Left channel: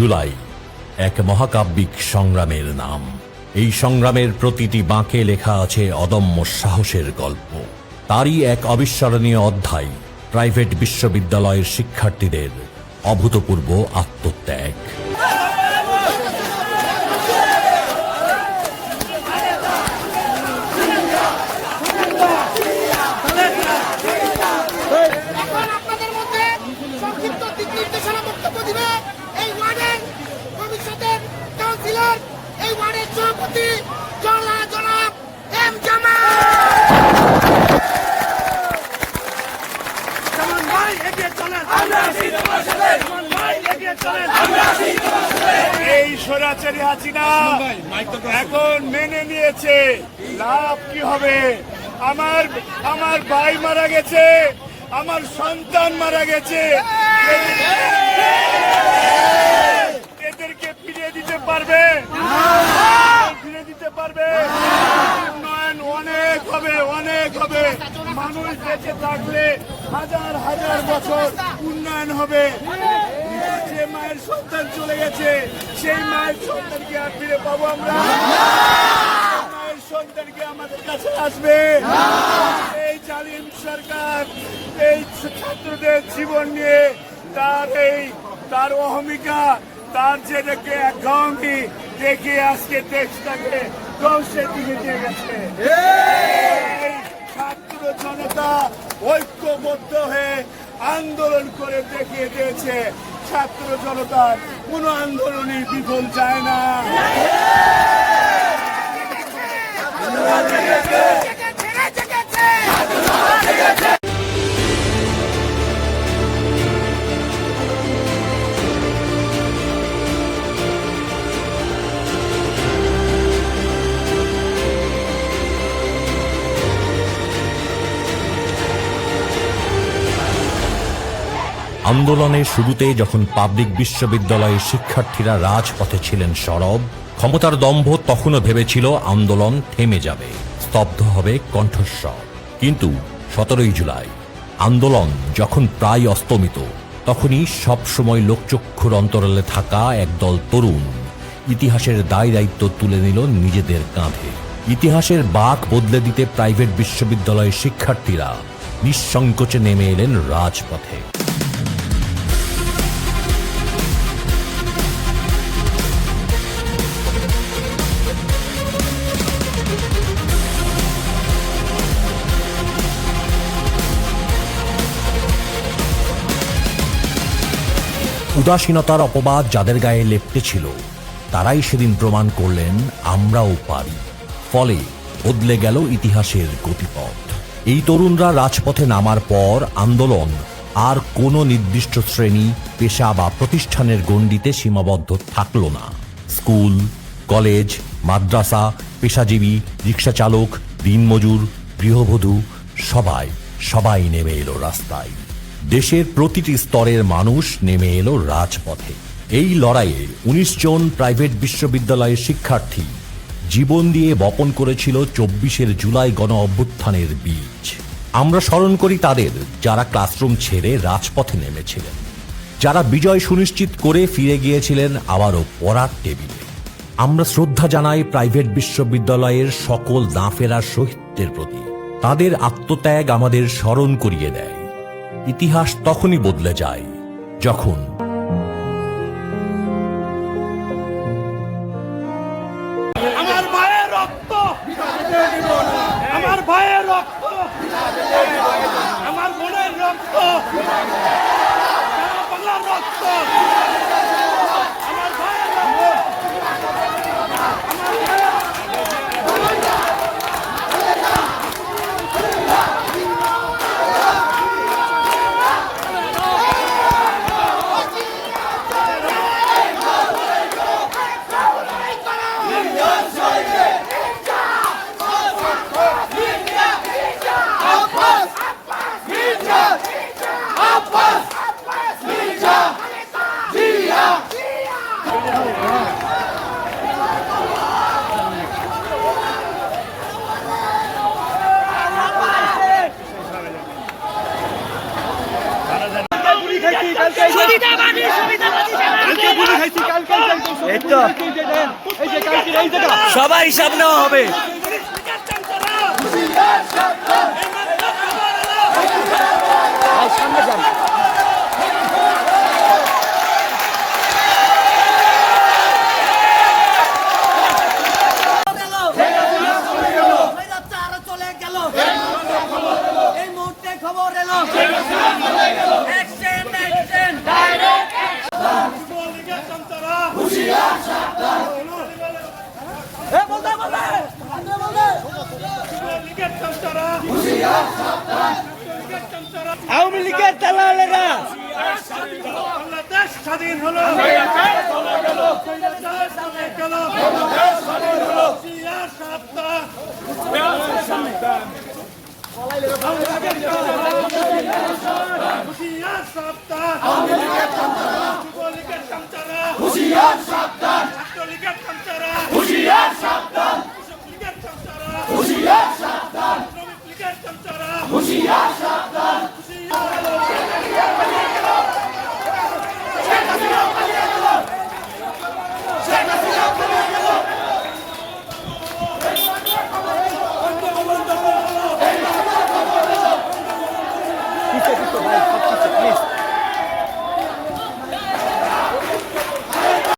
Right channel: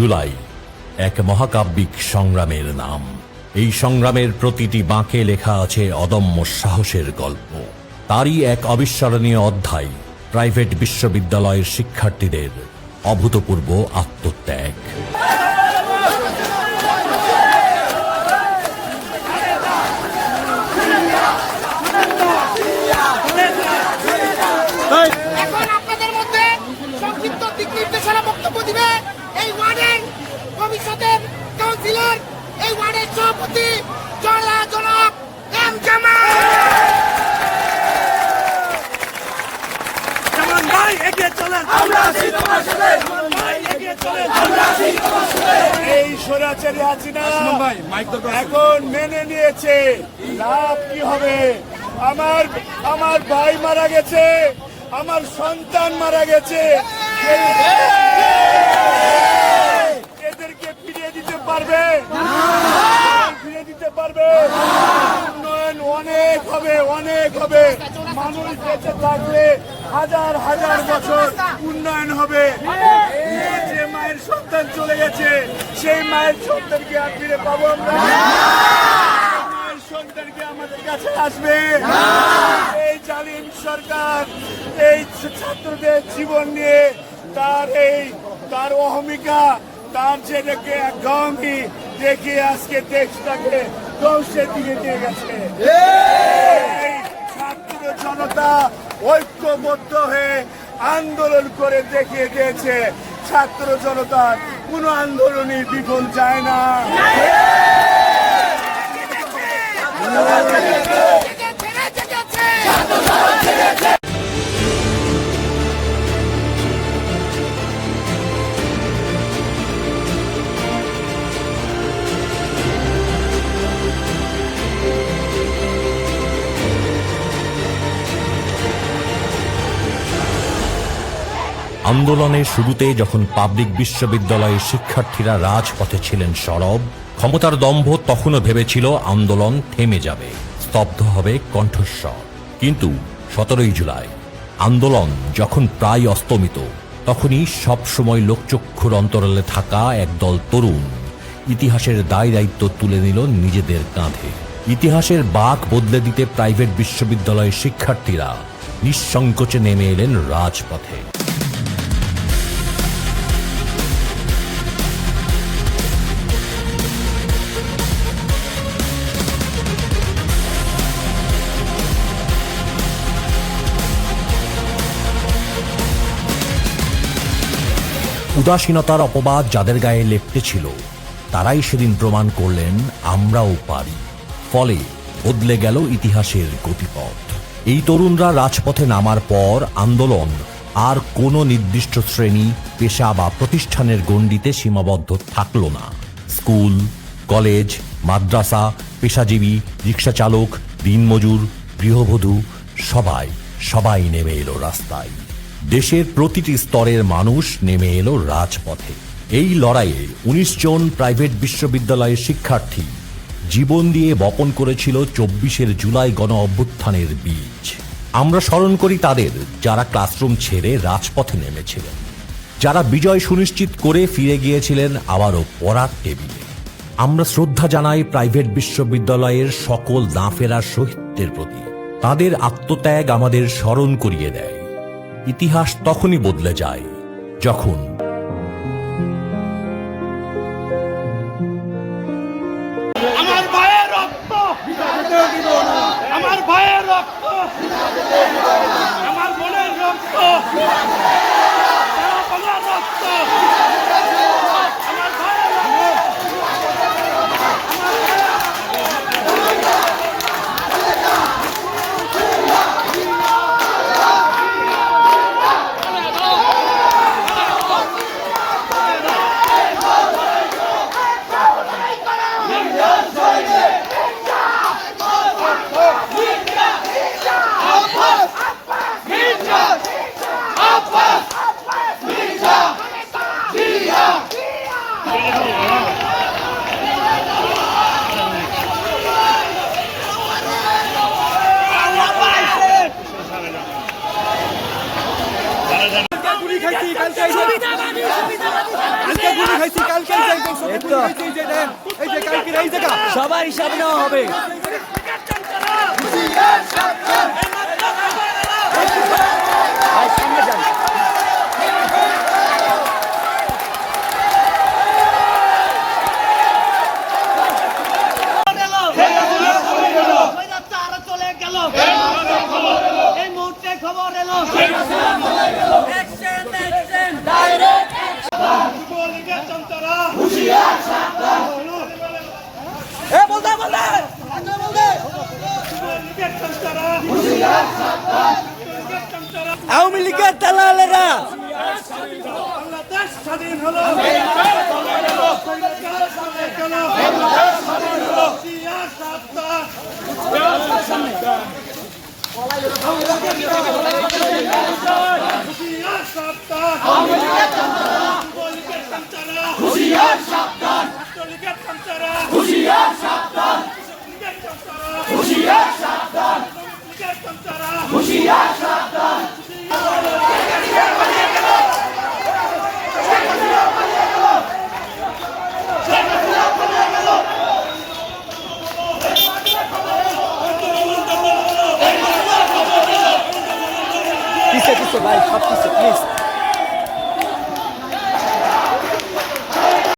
জুলাই এক মহাকাব্যিক সংগ্রামের নাম। এই সংগ্রামের প্রতিটি বাঁকে লেখা আছে অদম্য সাহসের গল্প। তারই এক অবিস্মরণীয় অধ্যায় প্রাইভেট বিশ্ববিদ্যালয়ের শিক্ষার্থীদের অভূতপূর্ব আত্মত্যাগ। ভবিষ্যতের কাউন্সিলর, এই ওয়ার্ডের সভাপতি জনাব এম জামাল। এই স্বৈরাচারী হাসিনা এখন মেনে নিয়েছে, লাভ কি হবে? আমার ভাই মারা গেছে, আমার সন্তান মারা গেছে, এদেরকে ফিরিয়ে দিতে পারবে? ফিরিয়ে দিতে পারবে? উন্নয়ন অনেক হবে, অনেক হবে। মানুষ বেঁচে থাকলে হাজার হাজার বছর উন্নয়ন হবে। যে মায়ের সন্তান চলে গেছে, সেই মায়ের সন্তানকে আর ফিরে পাবো আমরা? মায়ের সন্তানকে আমাদের কাছে আসবে? এই জালিম সরকার এই ছাত্রদের জীবন নিয়ে তার অহমিকা, তার যেটাকে একঘেয়েমি দেখে আজকে দেশটাকে ধ্বংসের দিকে নিয়ে গেছে। এই ছাত্র জনতা ঐক্যবদ্ধ হয়ে আন্দোলন করে দেখিয়ে দিয়েছে, ছাত্র জনতার কোন আন্দোলনই বিফল যায় না। আন্দোলনের শুরুতে যখন পাবলিক বিশ্ববিদ্যালয়ের শিক্ষার্থীরা রাজপথে ছিলেন সরব, ক্ষমতার দম্ভ তখনও ভেবেছিল আন্দোলন থেমে যাবে, স্তব্ধ হবে কণ্ঠস্বর। কিন্তু 17 জুলাই আন্দোলন যখন প্রায় অস্তমিত, তখনই সবসময় লোকচক্ষুর অন্তরালে থাকা একদল তরুণ ইতিহাসের দায় দায়িত্ব তুলে নিল নিজেদের কাঁধে। ইতিহাসের বাঁক বদলে দিতে প্রাইভেট বিশ্ববিদ্যালয়ের শিক্ষার্থীরা নিঃসংকোচে নেমে এলেন রাজপথে। উদাসীনতার অপবাদ যাদের গায়ে লেপ্টে ছিল, তারাই সেদিন প্রমাণ করলেন আমরাও পারি। ফলে বদলে গেল ইতিহাসের গতিপথ। এই তরুণরা রাজপথে নামার পর আন্দোলন আর কোনো নির্দিষ্ট শ্রেণী, পেশা বা প্রতিষ্ঠানের গণ্ডিতে সীমাবদ্ধ থাকল না। স্কুল, কলেজ, মাদ্রাসা, পেশাজীবী, রিক্সা চালক, দিনমজুর, গৃহবধূ সবাই নেমে এলো রাস্তায়। দেশের প্রতিটি স্তরের মানুষ নেমে এলো রাজপথে। এই লড়াইয়ে 19 জন প্রাইভেট বিশ্ববিদ্যালয়ের শিক্ষার্থী জীবন দিয়ে বপন করেছিল 24 জুলাই গণ অভ্যুত্থানের বীজ। আমরা স্মরণ করি তাদের, যারা ক্লাসরুম ছেড়ে রাজপথে নেমেছিলেন, যারা বিজয় সুনিশ্চিত করে ফিরে গিয়েছিলেন আবারও পড়ার টেবিলে। আমরা শ্রদ্ধা জানাই প্রাইভেট বিশ্ববিদ্যালয়ের সকল না ফেরার শহীদদের প্রতি। তাদের আত্মত্যাগ আমাদের স্মরণ করিয়ে দেয়, ইতিহাস তখনই বদলে যায় যখন আমার ভাইয়ের রক্ত, আমার ভাইয়ের রক্ত, আমার বোনের রক্ত, সুবিধাবাদী এই তো সবাই হিসাব নেওয়া হবে। ভাই সামনে যান। এই মুহূর্তে খবর এলো যুবলীগের সন্তানরা যুবলীগের সন্তানরা আওয়ামী লীগের দালালেরা বাংলাদেশ স্বাধীন হলো যুবলীগের সন্তানরা